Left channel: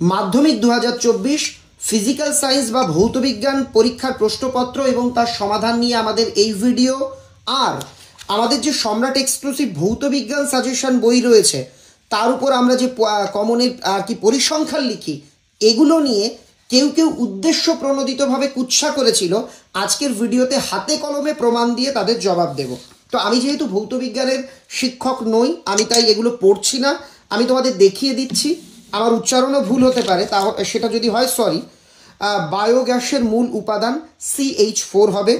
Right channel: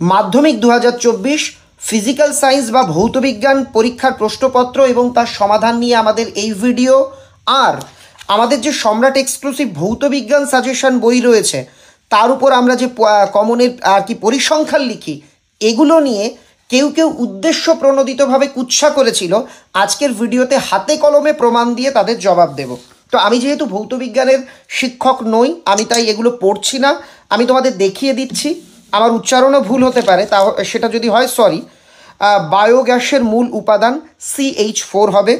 মাধ্যমিক 2024 physical science বা ভৌতবিজ্ঞান পরীক্ষার প্রশ্নপত্র এবং তার সমাধান নিয়ে আমাদের এই ভিডিও। আর আমাদের যে সম্রাট এক্সক্লুসিভ ভৌতবিজ্ঞান সাজেশন বই রয়েছে তার উপর আমরা যে কমনের আর কি পরিসংখ্যান লিখি, এগুলো নিয়ে কেউ কেউ উদ্দেশ্য প্রণোদিতভাবে কুৎসা করেছিল। আজকের ভিডিওতে হাতে কলমে প্রমাণ দিয়ে তাদের জবাব দেব। তো আমি যেহেতু ভৌতবিজ্ঞানের শিক্ষক নই, আমি তাই এগুলো পড়ছি না, আমি তোমাদের দেখিয়ে দিচ্ছি। আমার উচ্চারণও ভুল হতে পারে, তা সেটা যদি হয় সরি। বায়োগ্যাসের মূল উপাদান CH4 হবে।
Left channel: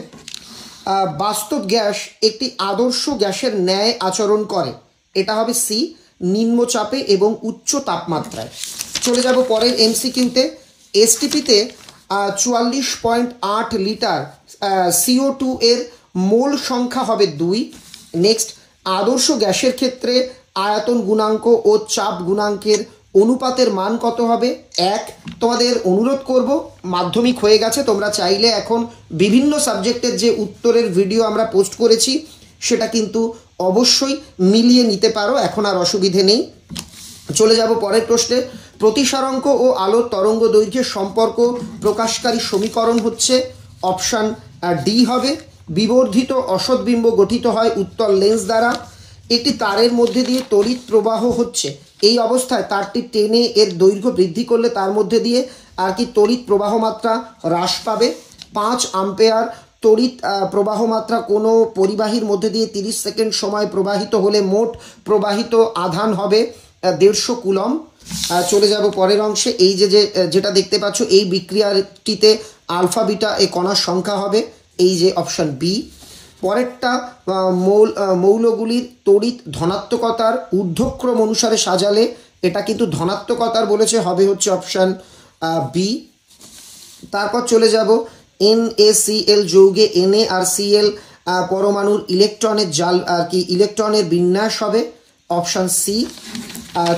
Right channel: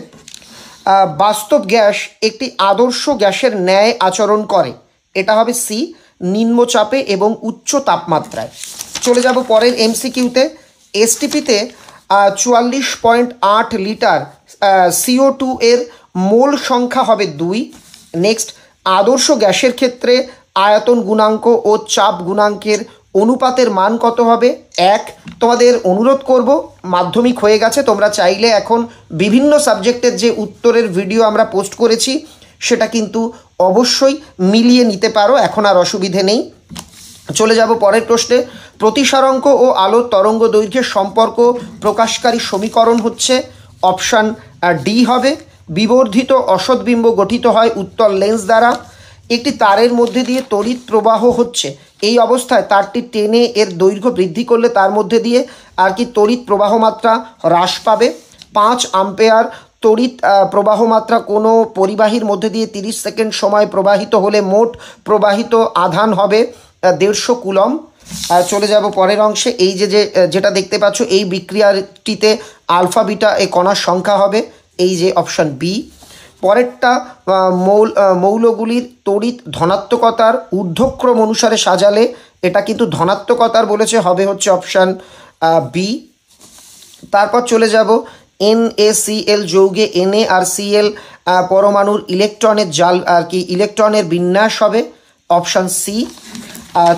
বাস্তব গ্যাস একটি আদর্শ গ্যাসের ন্যায় আচরণ করে, এটা হবে সি, নিম্নচাপে এবং উচ্চ তাপমাত্রায়। চলে যাব পরের MCQতে। STPতে 44.8 লিটার CO2 এর মোল সংখ্যা হবে 2। নেক্সট, আদর্শ গ্যাসের ক্ষেত্রে আয়তন গুণাঙ্ক ও চাপ গুণাঙ্কের অনুপাতের মান কত হবে? 1। তোমাদের অনুরোধ করব, মাধ্যমিক হয়ে গেছে, তোমরা চাইলে এখন বিভিন্ন সাবজেক্টের যে উত্তরের ভিডিও আমরা পোস্ট করেছি সেটা কিন্তু অবশ্যই মিলিয়ে নিতে পারো, এখন আর অসুবিধে নেই। চলে যাব পরের প্রশ্নে। প্রতিসারাঙ্ক ও আলোর তরঙ্গ দৈর্ঘ্যের সম্পর্ক প্রকাশকারী সমীকরণ হচ্ছে অপশান ডি হবে। বিবর্ধিত অসৎবিম্ব গঠিত হয় উত্তল লেন্স দ্বারা। একটি তারের মধ্যে দিয়ে তড়িৎ প্রবাহ হচ্ছে, এই অবস্থায় তারটি টেনে এর দৈর্ঘ্য বৃদ্ধি করলে তার মধ্যে দিয়ে আর কি তড়িৎ প্রবাহ মাত্রা হ্রাস পাবে। 5 অ্যাম্পিয়ার তড়িৎ প্রবাহ মাত্রা কোনো পরিবাহীর মধ্যে দিয়ে 30 সেকেন্ড সময় প্রবাহিত হলে মোট প্রবাহিত আধান হবে 150 কুলম। চলে যাব পরের অংশে। এই যেটা দেখতে পাচ্ছ, এই বিক্রিয়াটিতে আলফা বিটা এ কণার সংখ্যা হবে এই যে অপশান বি। পরেরটা, মৌলগুলির তড়িৎ ধনাত্মকতার ঊর্ধ্বক্রম অনুসারে সাজালে, এটা কিন্তু ধনাত্মকতার বলেছে, হবে হচ্ছে অপশান বি। তারপর চলে যাব NaCl যৌগে Na আর Cl পরমাণুর ইলেকট্রনের জাল আর কি ইলেকট্রনের বিন্যাস হবে অপশান সি।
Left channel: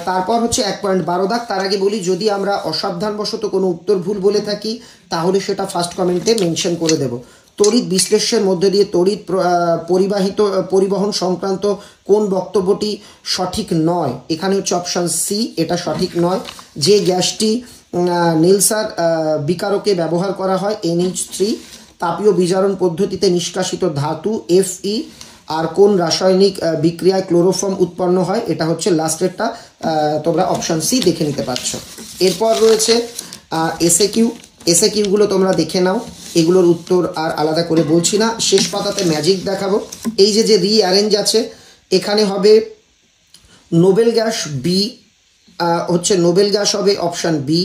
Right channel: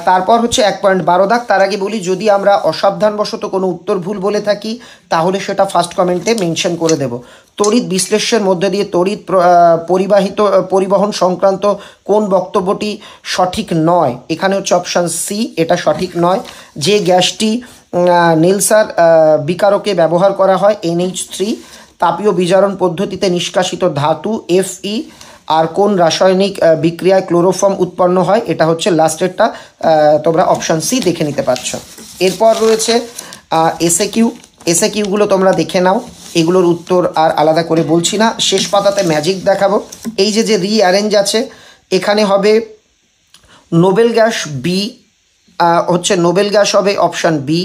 তারপর হচ্ছে 1.12 দাগ। তার আগে বলি, যদি আমরা অসাবধানবশত কোনো উত্তর ভুল বলে থাকি তাহলে সেটা ফার্স্ট কমেন্টে মেনশন করে দেব। তড়িৎ বিশ্লেষণের মধ্যে দিয়ে তড়িৎ পরিবহন সংক্রান্ত কোন বক্তব্যটি সঠিক নয়? এখানে হচ্ছে অপশান সি, এটা সঠিক নয়। যে গ্যাসটি নেলসার বিকারকে ব্যবহার করা হয় NH3, তাপীয় বিজারণ পদ্ধতিতে নিষ্কাশিত ধাতু Fe, আর কোন রাসায়নিক বিক্রিয়ায় ক্লোরোফর্ম উৎপন্ন হয়? এটা হচ্ছে লাস্টেরটা, তোমরা অপশান সি দেখে নিতে পারছো। এরপর রয়েছে এসএকিউগুলো তোমরা দেখে নাও, এগুলোর উত্তর আর আলাদা করে বলছি না। শেষ পাতাতে ম্যাজিক দেখাবো। এই যে রিঅ্যারেঞ্জ আছে, এখানে হবে নোবেল গ্যাস বি, হচ্ছে নোবেল গ্যাস হবে অপশান বি।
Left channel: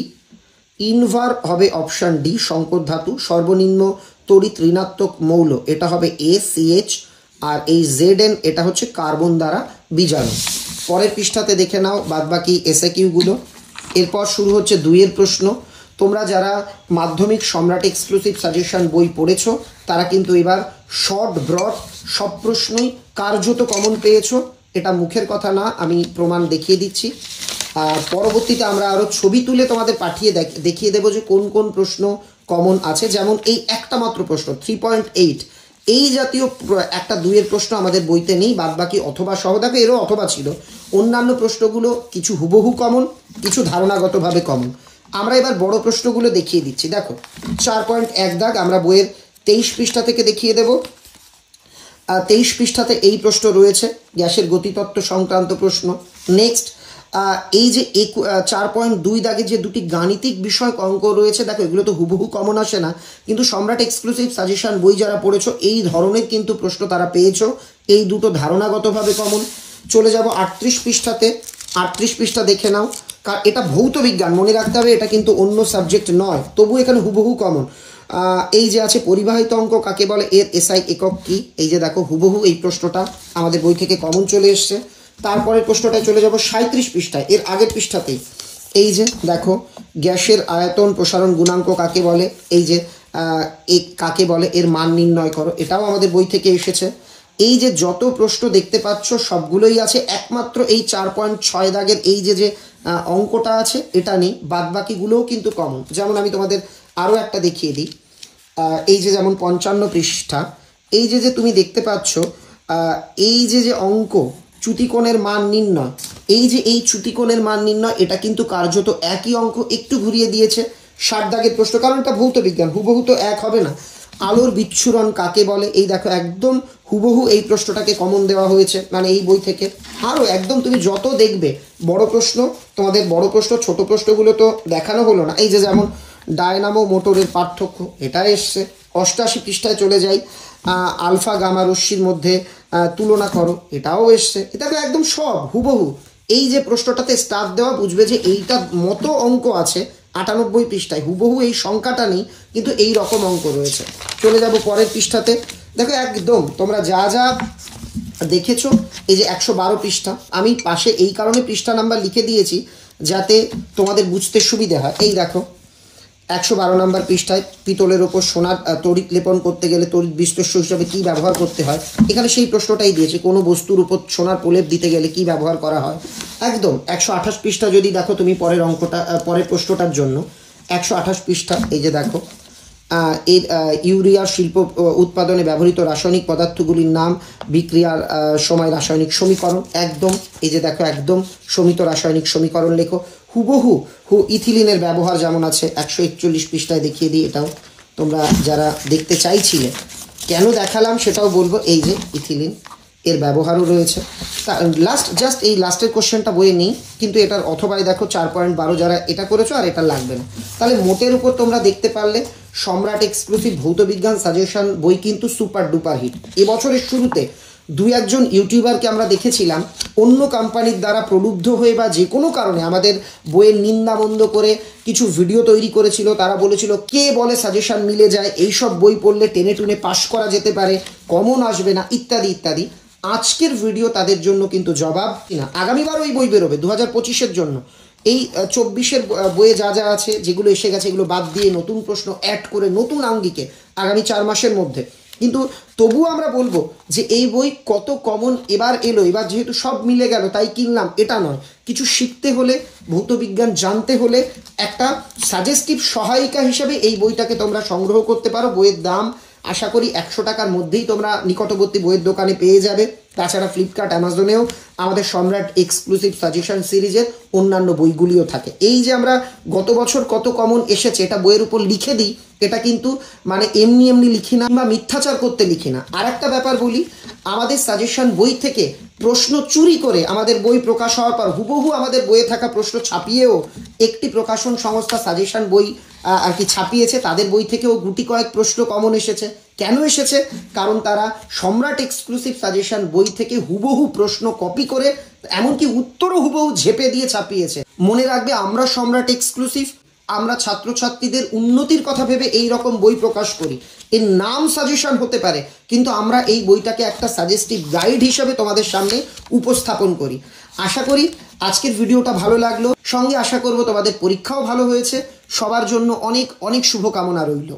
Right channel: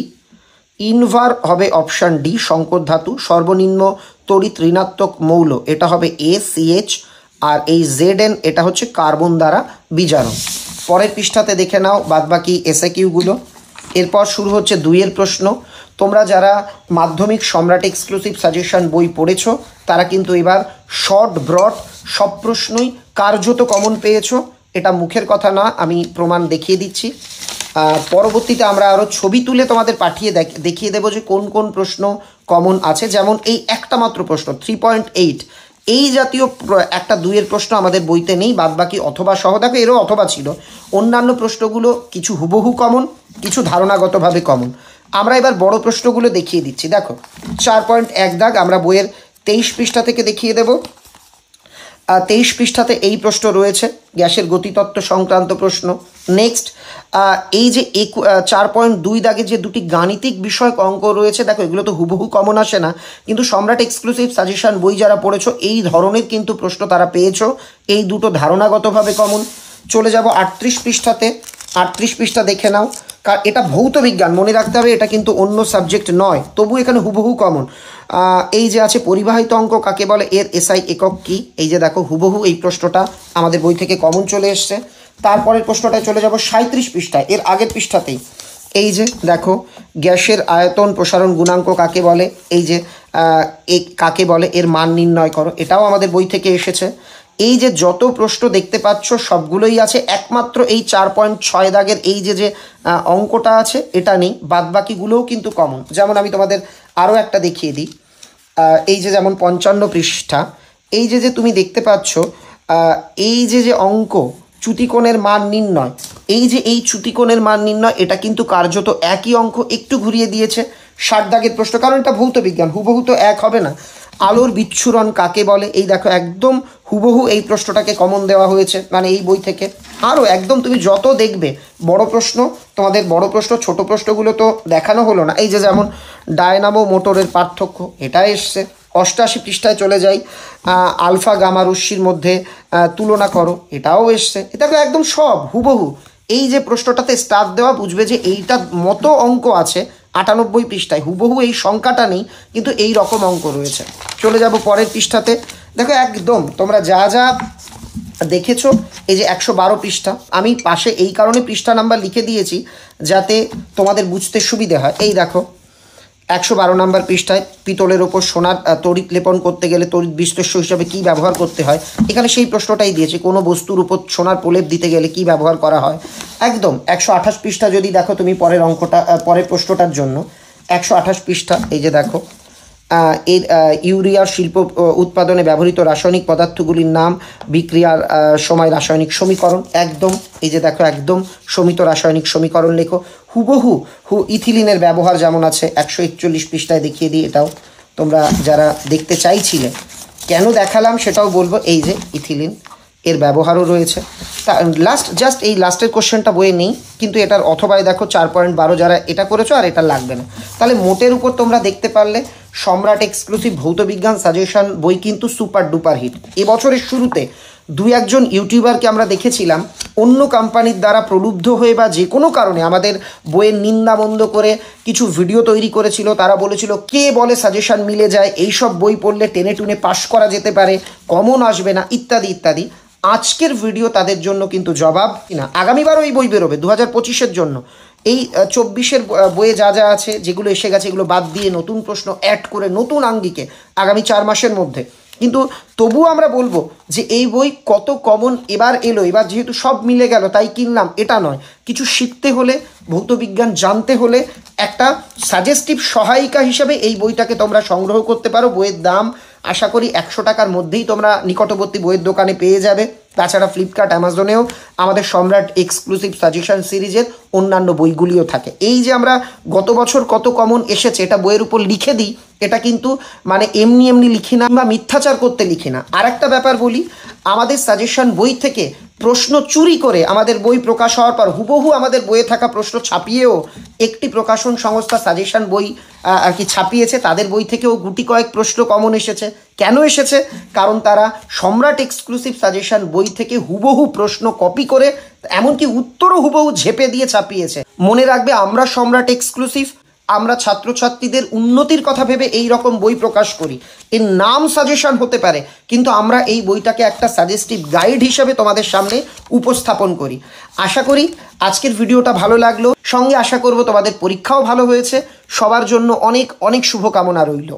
ইনভার হবে অপশান ডি, সংকর ধাতু। সর্বনিম্ন তড়িৎ ঋণাত্মক মৌল, এটা হবে ACH। আর এই ZN এটা হচ্ছে কার্বন দ্বারা বিজারণ। পরের পৃষ্ঠাতে দেখে নাও বাদবাকি এসএকিউগুলো। এরপর শুরু হচ্ছে 2-এর প্রশ্ন। তোমরা যারা মাধ্যমিক সম্রাট এক্সক্লুসিভ সাজেশন বই পড়েছো তারা কিন্তু এবার শর্ট ব্রড সব প্রশ্নই কার্যত কমন পেয়েছো, এটা মুখের কথা না, আমি প্রমাণ দেখিয়ে দিচ্ছি। পরবর্তীতে আমরা আরও ছবি তুলে তোমাদের পাঠিয়ে দেখিয়ে দেবো যে কোন কোন প্রশ্ন কমন আছে। যেমন এই একটা মাত্র প্রশ্ন 3.8, এই জাতীয় একটা 2-এর প্রশ্ন আমাদের বইতে নেই, বাদবাকি অথবা সহ। দেখো, এরও অথবা ছিল। অন্যান্য প্রশ্নগুলো কিছু হুবহু কমন, কিছু ধারণাগতভাবে কমন। আমরা এবার বড় প্রশ্নগুলো দেখিয়ে দিচ্ছি। দেখো, 4.1 দাগ, আমরা বইয়ের 23 পৃষ্ঠা থেকে দেখিয়ে দেব। 23 পৃষ্ঠাতে এই প্রশ্ন রয়েছে, গ্যাসের গতিতত্ত্ব সংক্রান্ত প্রশ্ন। নেক্সট, এই যে 4.2 দাগে যে দুটি গাণিতিক বিষয়ক অঙ্ক রয়েছে, দেখো এগুলো তো হুবহু কমন আসে না, কিন্তু সম্রাট এক্সক্লুসিভ সাজেশন বই যারা পড়েছো এই ধরনের কিন্তু প্রশ্ন তারা পেয়েছো, এই দুটো ধারণাগতভাবে কমন। চলে যাব 38 পৃষ্ঠাতে। 38 পৃষ্ঠা দেখে নাও, কারণ এটা ভৌত বিজ্ঞান, মনে রাখতে হবে এটা কিন্তু অন্য সাবজেক্ট নয়, তবু এখানে হুবহু কমন। এই যে আছে পরিবাহিত অঙ্ক কাকে বলে, এর SI একক কি? এই যে দেখো হুবহু এই প্রশ্নটা আমাদের বই থেকে কমন চলে এসছে। তারপরের প্রশ্নটায় চলে যাব 37 পৃষ্ঠায়, এর আগের পৃষ্ঠাতেই। এই যে দেখো, গ্যাসের আয়তন প্রসারণ গুণাঙ্ক কাকে বলে, এই যে কাকে বলে, এর মান নির্ণয় করো, এটাও আমাদের বই থেকে এসেছে। এই যে যত প্রশ্ন দেখতে পাচ্ছ সবগুলোই আছে, একমাত্র এই 4.6 দাগের এই যে অঙ্কটা আছে এটা নেই, বাদবাকিগুলোও কিন্তু কমন। যেমন আমি তোমাদের আরও একটা দেখিয়ে দিই। এই যে যেমন 55 পৃষ্ঠা, এই যে তুমি দেখতে পাচ্ছ এই যে অঙ্ক, চ্যুতিকোণের মান নির্ণয়, এই যে এই চ্যুতিকোণের মান নির্ণয়, এটা কিন্তু কার্যত একই অঙ্ক, একটু ঘুরিয়ে দিয়েছে। 60 দাগের প্রশ্ন, কারণ এটা ভৌত বিজ্ঞান, হুবহু তো এক হবে না। আলোর বিচ্ছুরণ কাকে বলে, এই দেখো একদম হুবহু এই প্রশ্নটাকে কমন দেওয়া হয়েছে, মানে এই বই থেকে। আরও একদম তুমি যত দেখবে বড় প্রশ্ন, তোমাদের বড় প্রশ্ন, ছোট প্রশ্নগুলো তো দেখানো হলো না। এই যে যেমন ডায়নামো মোটরের পার্থক্য, এটা এসছে। 88 পৃষ্ঠায় চলে যাই, আলফা গামা রশ্মির মধ্যে তুলনা করো, এটাও এসছে। এটা একদম সব হুবহু। এই যে প্রশ্নটাতে স্টার দেওয়া, বুঝবে যে এইটার মতো অঙ্ক আছে 98 পৃষ্ঠায়, হুবহু এই সংখ্যাটা নেই, কিন্তু এই রকম অঙ্ক রয়েছে। চলে যাব পরের পৃষ্ঠাতে, দেখো একদম তোমরা যা যা দেখেছো, এই যে 112 পৃষ্ঠা, আমি পাশে এই কারণে পৃষ্ঠা নাম্বার লিখে দিয়েছি যাতে তোমাদের বুঝতে সুবিধা হয়। এই দেখো 112 নম্বর পৃষ্ঠায় পিতলের ওপর সোনার তড়িৎ লেপন করতে গেলে তড়িৎ বিশ্লেষ্য হিসাবে কি ব্যবহার করতে হয়, এখানে সেই প্রশ্নটাই দিয়েছে। কোনো বস্তুর উপর সোনার প্রলেপ দিতে গেলে কি ব্যবহার করা হয়। একদম 128 পৃষ্ঠা যদি দেখো তুমি পরের অঙ্কটা, পরের প্রশ্নটার জন্য 128 পৃষ্ঠা, এই যে দেখো এর ইউরিয়া শিল্প উৎপাদনে ব্যবহৃত রাসায়নিক পদার্থগুলির নাম, বিক্রিয়ার সময় রাসায়নিক সমীকরণ। একদম এই যে দেখো একদম সমিত রাসায়নিক সমীকরণ লেখো। হুবহু ইথিলিনের ব্যবহার যেমন আছে 141 পৃষ্ঠায় দেখিয়ে দিই, এটাও তোমরা যারা দেখতে চাইছিলে। কেন দেখালাম সেটাও বলবো। এই যে ইথিলিন, এর ব্যবহারও রয়েছে। জাস্ট এই লাস্টের কোশ্চেনটা বইয়ে নেই, কিন্তু এটার অথবায় দেখো 4.12 যারা এটা করেছো আর এটা লাগবে না। তাহলে মোটের উপর তোমরা দেখতে পারলে সম্রাট এক্সক্লুসিভ ভৌত বিজ্ঞান সাজেশন বই কিন্তু সুপার ডুপার হিট। এবছরের শুরুতে 2-1জন ইউটিউবারকে আমরা দেখেছিলাম অন্য কোম্পানির দ্বারা প্রলুব্ধ হয়ে বা যে কোনো কারণে আমাদের বইয়ের নিন্দা মন্দ করে কিছু ভিডিও তৈরি করেছিল। তারা বলেছিল কে বলে সাজেশন মিলে যায়, এইসব বই পড়লে টেনে টুনে পাশ করা যেতে পারে, কমন আসবে না, ইত্যাদি ইত্যাদি। আজকের ভিডিও তাদের জন্য কিন্তু জবাব না। আগামীবারও এই বই বেরোবে 2025-এর জন্য। এই 24-এর বইয়ে যা যা আছে, যেগুলো এসে গেছে, এগুলো বাদ দিয়ে নতুন প্রশ্ন অ্যাড করে নতুন আঙ্গিকে আগামী 4 মাসের মধ্যে। কিন্তু তবুও আমরা বলবো যে এই বই কত কমন এবার এলো, এবার যেহেতু সব মিলে গেল তাই কিনলাম, এটা নয়। কিছু শিখতে হলে, ভৌতবিজ্ঞান জানতে হলে একটা সাজেস্টিভ সহায়িকা হিসেবে এই বইটাকে তোমরা সংগ্রহ করতে পারো। বইয়ের দাম আশা করি 100 টাকার মধ্যেই তোমরা নিকটবর্তী বইয়ের দোকানে পেয়ে যাবে। তাছাড়া ফ্লিপকার্ট, অ্যামাজনেও আমাদের সম্রাট এক্সক্লুসিভ সাজেশন সিরিজের অন্যান্য বইগুলিও থাকে। এই যে আমরা গত বছর কত কমন এসেছে এটা বইয়ের উপর লিখে দিই, এটা কিন্তু মানে এমনি এমনি লিখি না বা মিথ্যাচার করতে লিখি না। আর একটা ব্যাপার বলি, আমাদের সাজেশন বই থেকে প্রশ্ন চুরি করে আমাদের বই প্রকাশ হওয়ার পর হুবহু আমাদের বইয়ে থাকা প্রশ্ন ছাপিয়েও একটি প্রকাশন সংস্থা সাজেশন বই আর কি ছাপিয়েছে, তাদের বই থেকেও গুটি কয়েক প্রশ্ন কমন এসেছে। কেন এসেছে? কারণ তারা সম্রাট এক্সক্লুসিভ সাজেশন বই থেকে হুবহু প্রশ্ন কপি করে, এমনকি উত্তরও হুবহু ঝেপে দিয়ে ছাপিয়েছে। মনে রাখবে, আমরা সম্রাট এক্সক্লুসিভ, আমরা ছাত্রছাত্রীদের উন্নতির কথা ভেবে এই রকম বই প্রকাশ করি। এর নাম সাজেশন হতে পারে, কিন্তু আমরা এই বইটাকে একটা সাজেস্টিভ গাইড হিসেবে তোমাদের সামনে উপস্থাপন করি। আশা করি আজকের ভিডিওটা ভালো লাগলো, সঙ্গে আশা করব তোমাদের পরীক্ষাও ভালো হয়েছে। সবার জন্য অনেক অনেক শুভকামনা রইল।